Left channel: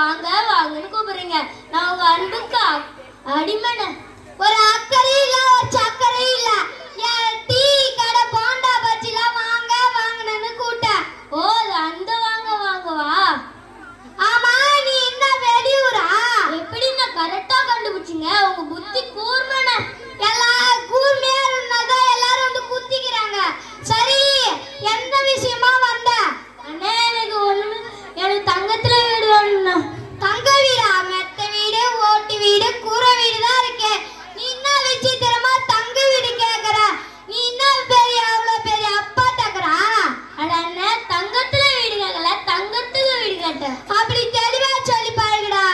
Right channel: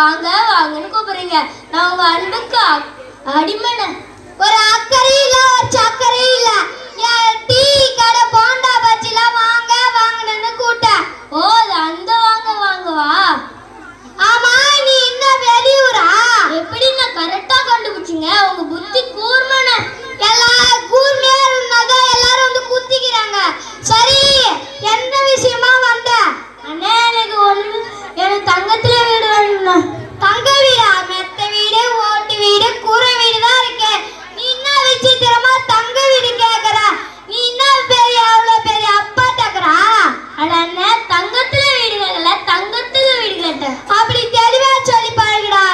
வாங்க வாங்கன்னு கூப்பிடுறீங்க. நான் உங்க அன்புக்கு அடிமனை. ஒரு அக்கறை இல்ல, ஒரு சக்கரை இல்ல. டீ கடை போண்டா பச்சிலாம் வாங்க வாங்கன்னு கூட்ட. ஓ, அந்த வாங்க வாங்கவா? ஆமா, நீ என்ன வெளியூரா? எப்படி நான் கரெக்டா கண்டுபிடிச்சிங்க? உங்க புத்தி கூர்மன. எல்லாம் கூர்மையா இருந்தாங்க, எல்லாரும் வந்து குத்திக்கிறாங்க. சரி, எந்த விஷயமா வந்த? அண்ணே, எனக்கு தங்கத்துல வீடு வேணும்ண்ணா. தங்க வீடா? மெத்த வீடு, ஓட்டு வீடு, கூரை வீடு தான் இருக்கு. நீ என்ன விசித்திரமா தங்க வீடு கேக்குற? நீ என்ன பெரிய அவ்வளவு பெரிய அப்பாட்டக்குறா? அட அண்ணே, தங்கத்துல வீடு கேட்கல, தங்கத்துக்கு வீடு கேட்டேன். அப்படி தெளிவா சொல்லி பாருங்கடா.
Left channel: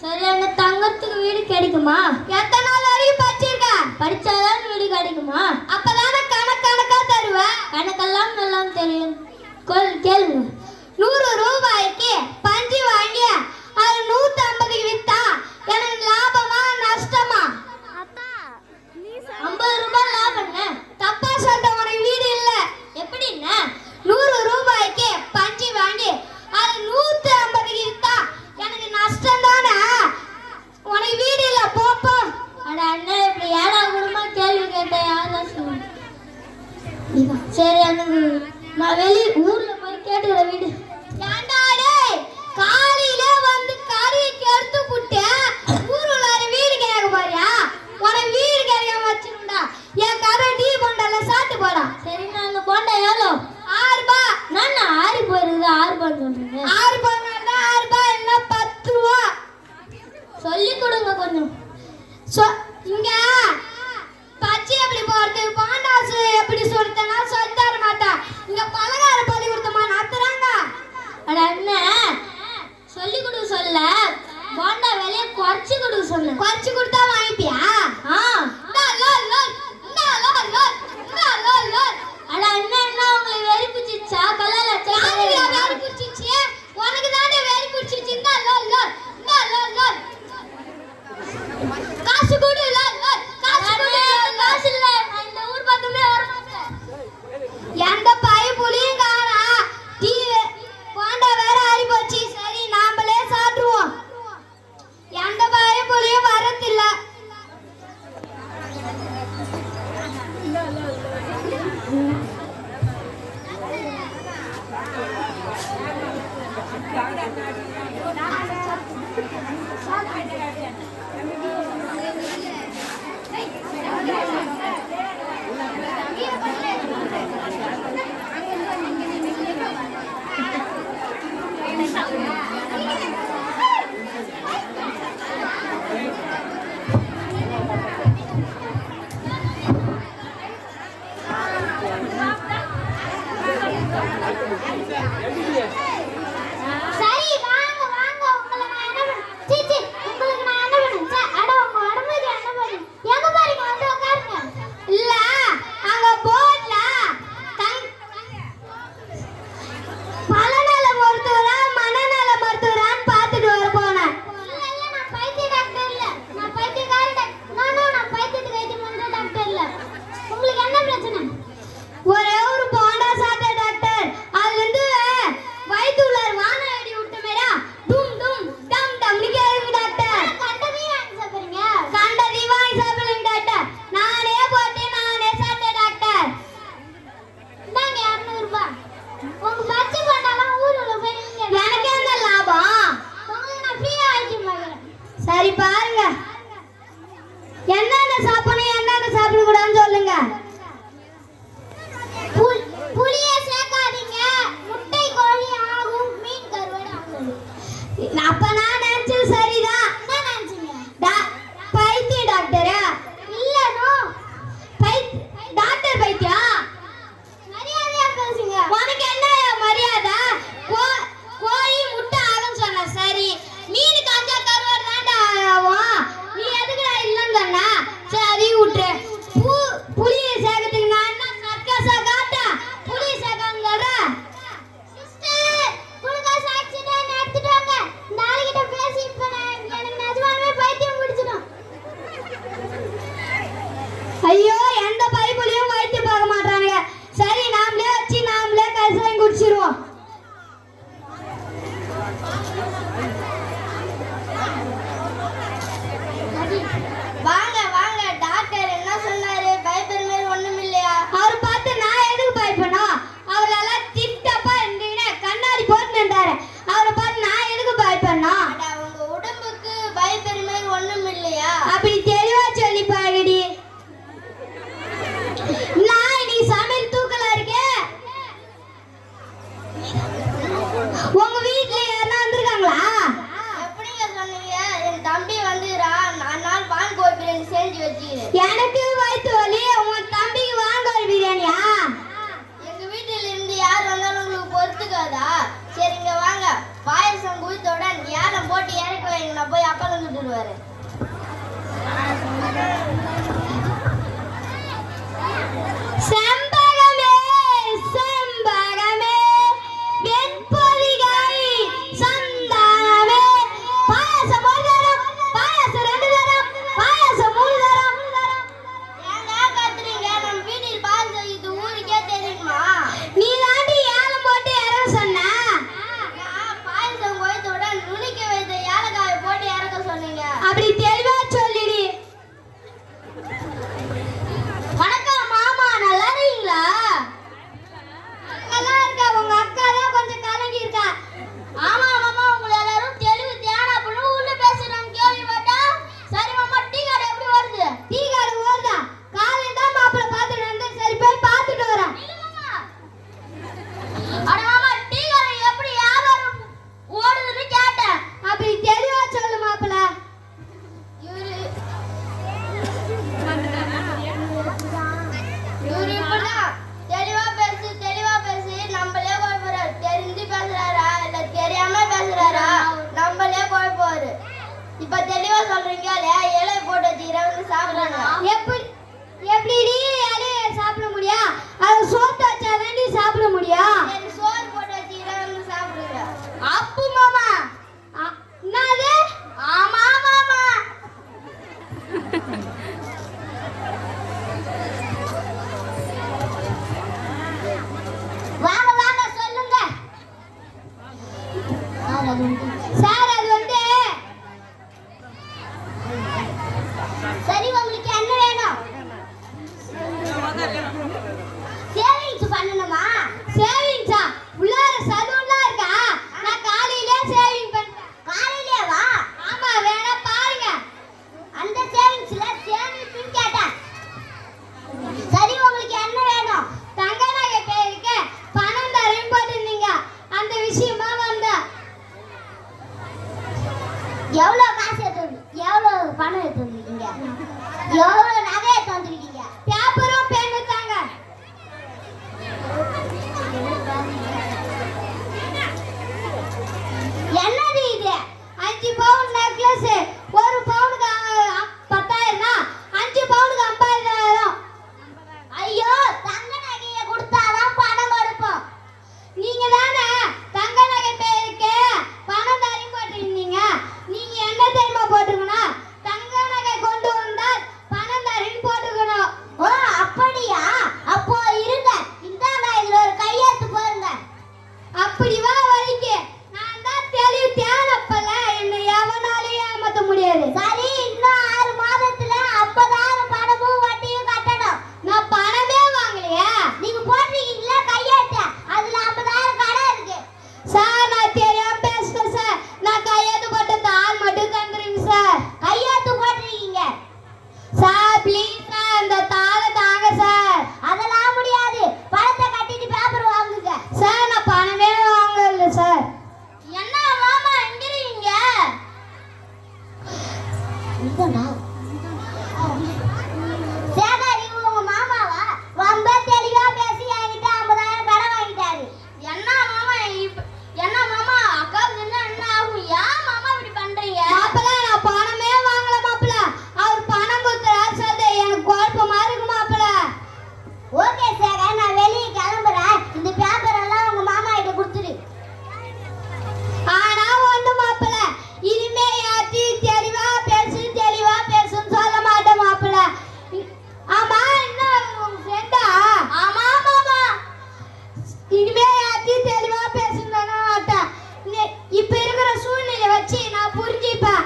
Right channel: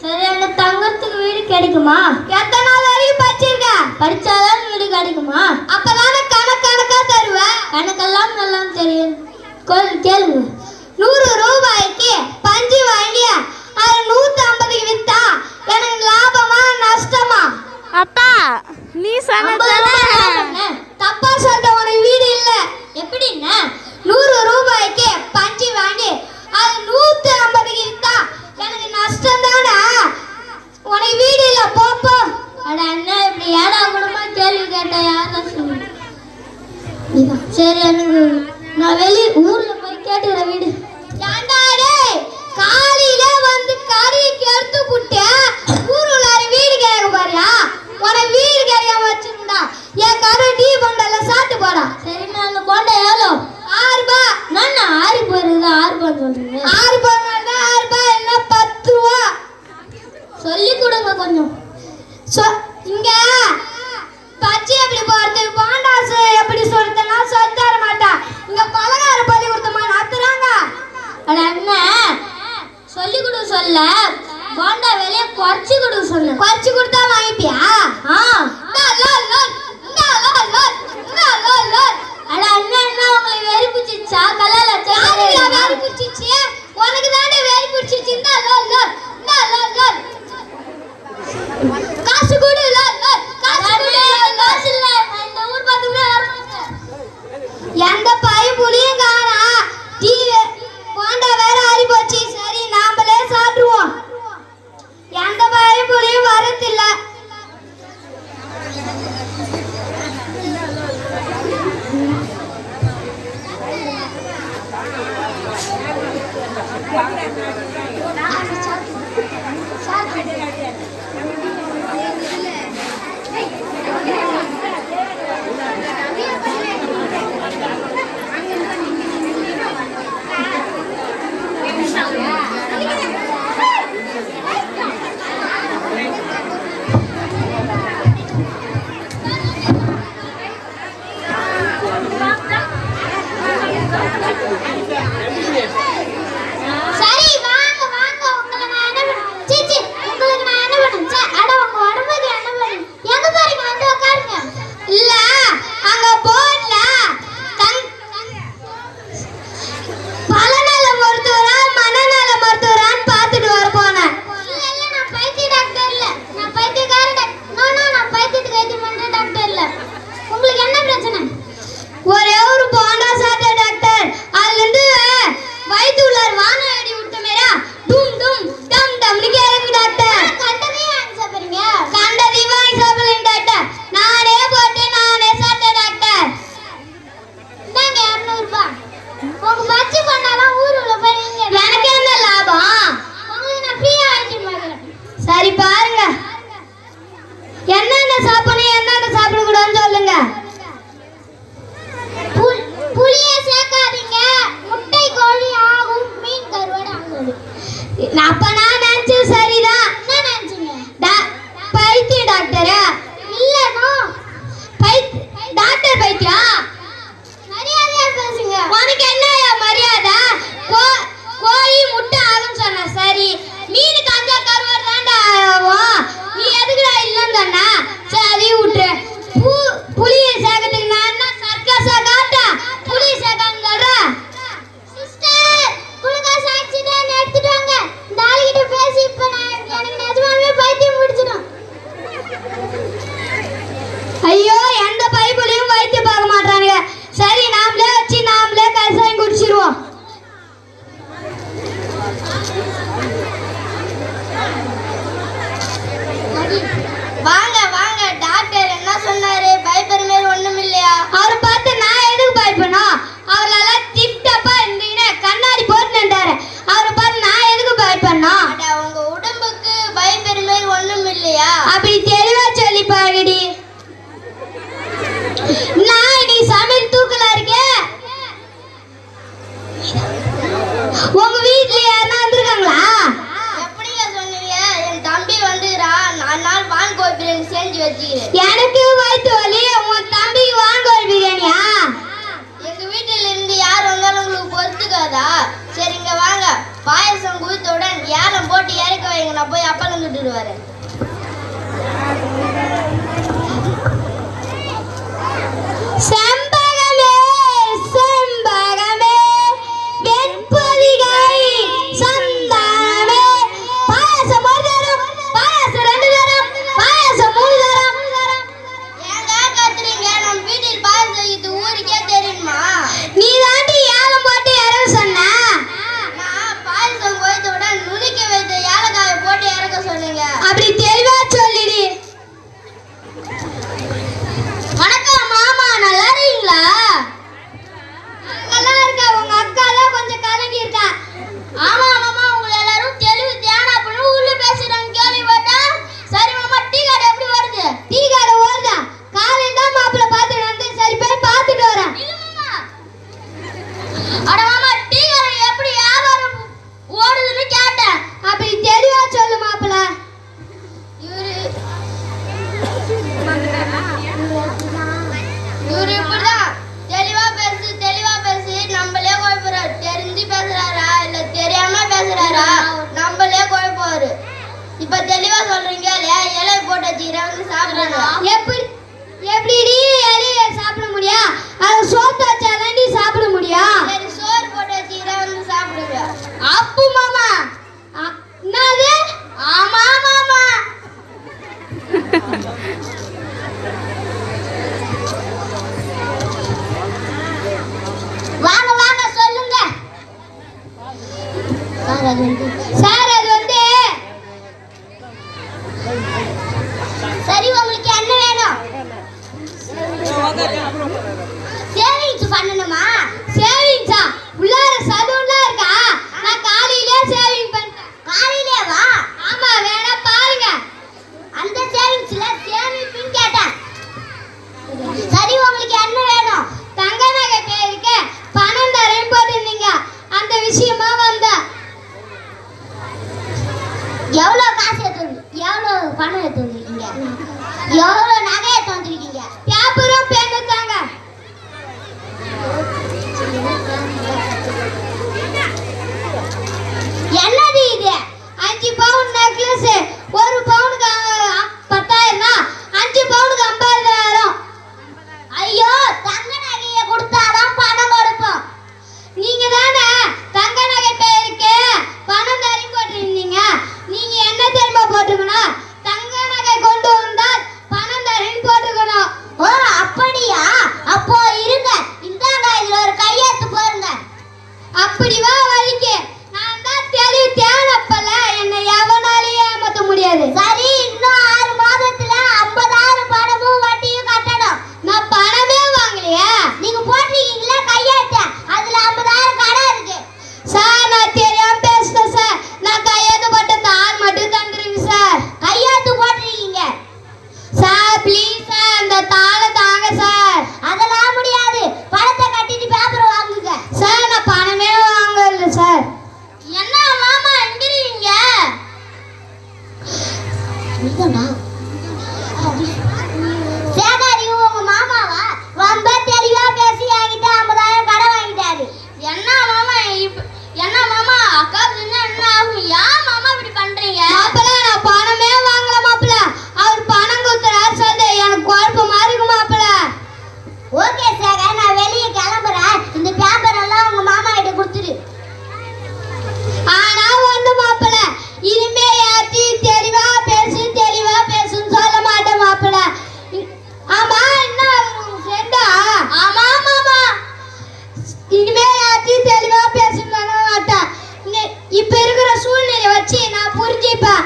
சரி, அந்த தங்கத்துக்கு வீடு கிடைக்குமா? எத்தனை நாள் வரைக்கும் படிச்சிருக்க? படிச்சாதான் வீடு கிடைக்குமா? அப்பதானே கணக்கா தருவேன். கணக்கெல்லாம் நல்லா தெரியும். கேளுங்க. 100 ரூபாய்க்கு பஞ்சு வாங்கி அது 150க்கு வித்தா எனக்கு லாபமா நஷ்டமா? அப்பா, நீ சொன்ன தப்பா சொல்ற. உனக்கு வீடு இல்ல. எப்படின்னா 100 ரூபாய்க்கு பஞ்சு வாங்கி அது 150க்கு வித்தா எனக்கு நஷ்டம் தானே. உனக்கு வீடு இல்ல, போப்போ. அட அண்ணா, இப்படி ஏடா கூடமா கேள்வி கேட்ட யாரும் சொல்லுங்க. சரி, எனக்கு நான் ஊர்ல போய் கேட்டுக்கிறேன் வீடு. காலையில வந்து கறிக்கு எடுத்து புட்டேன். ஊருல வீடு கேட்க பாரியா? உனக்கு வீடு கேட்காம வச்சிருந்தா என் கரு டீ போண்டல சாப்பிட்டு போடா. சரி, நான் போண்டா எவ்வளோ? 6 ரூபாய். நான் 6 போயிருந்தா 6 ரூபாய் சொல்றீங்க. 6 போனா 6 ரூபாய் என்ன 10 ரூபா? சொல்லி கொடுங்க கொஞ்சம். இங்க பச்சை எப்படி போறது, பாண்டாசு எப்படி சொல்றதுன்னா சொல்லி தர மாட்டேன். இங்க பலகார பள்ளி கொடுத்தமா நடத்துறாங்க. அட அண்ணன், சொல்லி கொடு சொல்ல போண்டா விலைய குறைச்சி கொடு சொல்லு. குறைச்சி கொடுத்தா வாங்கிட்டியா? அட அண்ணன், என்ன உங்களுக்கு வெறி பிடிச்சிச்சா? கலால வெறி பிடிச்சிச்சு. உனக்கு தானே வெறி பிடிச்சிச்சு. காசு கொடு. காசு இல்ல, இந்த ஊர் பார்த்துக்கிட்டே எந்த பைப்புலையும் காணா. டிவி போண்டா வேற ஆறி போச்சு. சரி, நாமளே சாப்பிடுவோம். எந்த பைப்புலையும் வரதில்ல. சரி, வாங்க வாங்க. உங்களுக்கு நான் என்ன பண்ணேன்? சீச்சி, உங்களுக்கு நான் என்ன பண்ணேன்? அட, உங்க உடம்புக்கு என்ன பண்ணேன்? எங்க பாருங்க, வந்து உட்காருங்க. இல்ல, அங்க போர்ட்ல பலநல மருத்துவரா மனநல மருத்துவரான்னு பார்த்துட்டு வர போனேன். இல்ல, நான் பைத்திய டாக்டர் இல்ல. நான் பைத்தியக்கார டாக்டர். நான் பைத்தியத்துக்கு வைத்தியம் பண்ற டாக்டர் இல்ல. உங்களுக்கு என்ன பிரச்சனை? ஒரே ஒரு போண்டா சாப்பிட்ட டாக்டர். அதுல இருந்து வயிற்று உள்ளார் வானம் அடி விட்ட மேரா டும் டும் டம் டம்னு கேக்குது டாக்டர். கண்டதையும் வாங்கி சாப்பிடுறீங்க? கண்டதையும் வாங்கி சாப்பிடுறேன் டாக்டர். நானே போட்டு நானே சாப்பிட்டேன் டாக்டர். இந்தாங்க 200 ரூபாய். உங்க பச்சை பண்ணாலாம் ஊருல போய் நீங்க எனக்கு என்ன லாபம்? உங்களுக்கு நான் ஃப்ரீயா ஆயிட்டு பார்க்கிறேன். சரி, பாருங்க என்னென்ன சாப்பிடணும் என்னென்ன சாப்பிடக்கூடாதுன்னு சொல்லுங்க. புளிய சேர்க்காதீங்க. முட்டை கோழி ஆகும், மீன் கருவாடு ஆகும். அப்ப நான் நினைச்சது சரிதான். என்ன நினைச்சீங்க? பைத்திய டாக்டரா? இல்ல, நோ டாக்டர் பைத்தியா? மரியாதையா பேசுங்க. உனக்கு என்னையா மரியாதை? கோழி முட்டை ஆகும் சொன்ன சரி, மீனுக்கு அந்த கருவாடு தாண்டா ஆகும். நீ எதுக்குடா இல்லன்னு சொன்னா? சரி, அதையும் விட்டுரு. புளிய சேர்க்கறதுக்கு நான் என்ன சர்க்கஸா காட்டா? புளிய சேர்க்கான்னு சொல்ற? சிஸ்டர், குளுக்கோஸ் ஆக்சிடென்ட் எடுத்துட்டு வாங்க. இந்த ஆளுகிட்ட நான் போய் அப்பளம் சுட்டுட்டு வரேன். செம்பகமே செம்பகமே வெண்பொதிகை சந்தானமே பாயாசம் ஒரு தரம் பாயாசம் 2 தரம் பாயாசம் 3 தரம். ஏங்க கத்துறீங்க? நம்ம வீட்டில் பாயாசம் செய்து ஊருக்கே தெரியுமா? நீ தாண்டி ஏலம் போட்டு இறக்க சொன்ன. நான் பாயாசம் கோயத்தை விட நுணுக்கி வைத்த ஏலக்காயை போட்டு இறக்க சொன்னீங்க. அப்படி தெளிவா சொல்லிடு. வணக்கம் மாமா, நல்லா இருக்கீங்களா? நல்லா இருக்க. உங்க அக்கா தான் கொஞ்சம் கலங்கி இருக்கா. ஆமா மாமா, உங்களை எல்லாரும் தெளிவு தியானம் பண்ணி உள்ள பேசுறாங்க கேள்விப்பட்டா. சரி மாமா, டீ கடை எப்படி வருது? டீ கடை ஓடுதா? காலையில தான் மாப்பிள்ள பார்த்துட்டு வந்து சரி போய் பார்த்துட்டு வரேன். இல்ல மாமா. அட மாமா, டீ கடை எப்படி வியாபாரம் ஓடுதுன்னு கேட்டேன். அப்படி தெளிவா சொல்லு மாப்பிள்ள. இவரு இப்படிதான் தெளிவா பேசி நம்மளே குழப்பறாரு. தெரிஞ்சு பேசுறாரா இல்ல தெரியாம பேசுறாரா நம்மளே குழப்பாரு. இப்ப தெளிவா சொல்றீங்க, இலை போட்டு வச்சுக்கிறேன் வந்து சாப்பிடுறாங்க. எப்படி இலைய சாப்பிட முடியும்? அது சோத்து வச்சாதான் நீ சாப்பிட முடியும். சரி, சோறு போட்டு வச்சுக்கிறேன் வந்து சாப்பிடுங்க. அப்பு மாமா. என்னது? ஆமா மாமா. வாங்க வாங்க சொல்லுங்க சார். அது வந்து சரி, உங்களுக்கு என்ன வேணும்? சேவிங்ஸ் பண்ணணுமா? சேவிங்ஸா? உள்ளார சலூன்லாம் இருக்கா? நான் காலையிலே சேவிங் பண்ணிட்டேன். காலையிலே வா. ஆமா, வேணா பாருங்க. அந்த சேவிங்ஸ்ல சேமிப்புன்னு கேட்டேன். சரி, உங்களுக்கு என்ன வேணும்? தங்க நகை பேருக்கு பணம் தரேன் போட்டிருந்தீங்க, அந்த விஷயமா வந்தேன். எவ்வளவு காசு எடுத்து எவ்வளவு பணம் எடுத்து வந்திருக்கீங்க? எவ்வளவு நகை எடுத்து வந்திருக்கீங்க? பேப்பரும் பேன்னு தாங்க. என்னது இது? 5 பவுன் நெக்லஸ். 1 பவுனுக்கு 10,000, 5 பவுனுக்கு 50,000. ஐயோ, தங்க நகையை கொடுத்தாதான் பணம் கொடுப்போம். நீங்க தானே தங்க நகை பேருக்கு பணம் தரேன் போட்டிருந்தீங்க. நீங்க என்ன தெரியுமா போட்டுக்கணும்? தங்க நகை கொண்டு வந்தால் பணம் தரேன் போட்டுக்கணும். ஓ, அப்படியா? அப்போ இருங்க, இந்தாங்க, இதுல ஒரு கையெழுத்து போடுங்க. அப்படி வா வழிக்கு. நான் தான் தெளிவு தேனப்பல, என்னை எவனாலையும் ஏமாத்த முடியாது. சரி, இன்னும் 6 மாதத்துல 50,000 பணமும் வட்டியும் கட்டணும். நான் பணமே வாங்கலையா? நீங்க போட்டிருக்கீங்களா கையெழுத்து? அதுல 50,000 கடன் இருக்கு. சார், நான் தெரியாம பேசுறேன் சார். நான் கையெழுத்து போட்ட தாள் மட்டும் தந்துருங்க சார். கையெழுத்து போட்டிருக்கீங்க சார். ப்ளீஸ் சார், அந்த தாளை தாங்க சார். அதெல்லாம் முடியாது. பணத்தை கட்டிட்டு பேப்பர் வாங்குங்க சார். நான் பணமே வாங்கல சார். என்ன மாமா எங்கிறீங்க? சேகர், உங்க மாமாவா? ரொம்ப தெளிவா பேசி என்கிட்ட 50,000 கடன் வாங்கிட்டாரு. என்ன மாமா என்ன மாமா, அக்கா என்ன ஆகும்? ஏன் மாமா இப்படி பண்றீங்க? மாப்பிள்ள, நான் பணமே வாங்கல மாப்பிள்ள. அவர் பணம் கொடுத்துறாரு சார். எனக்கு குழப்பமா இருக்கு மாப்பிள்ள. ஓகே சேகர், நான் வெளியே கிளம்புறேன். இந்த பேப்பர் எல்லாம் உங்க மாமா கிட்ட கொடுத்துரு. ஆனா ஒண்ணு மாப்பிள்ள, இனிமே யார்ட்டையும் தெளிவா பேசுன்னு சொல்ல மாட்டேன் மாப்பிள்ள. ஆமா, என்ன உங்க ஃப்ரெண்டா? ஆமா மாமா. இனிமே யார்ட்டையும் தெளிவா பேசுன்னு சொல்ல மாட்டேன். இப்ப இருக்கிற சூழ்நிலை வச்சு நான் புரிஞ்சுப்பேன்.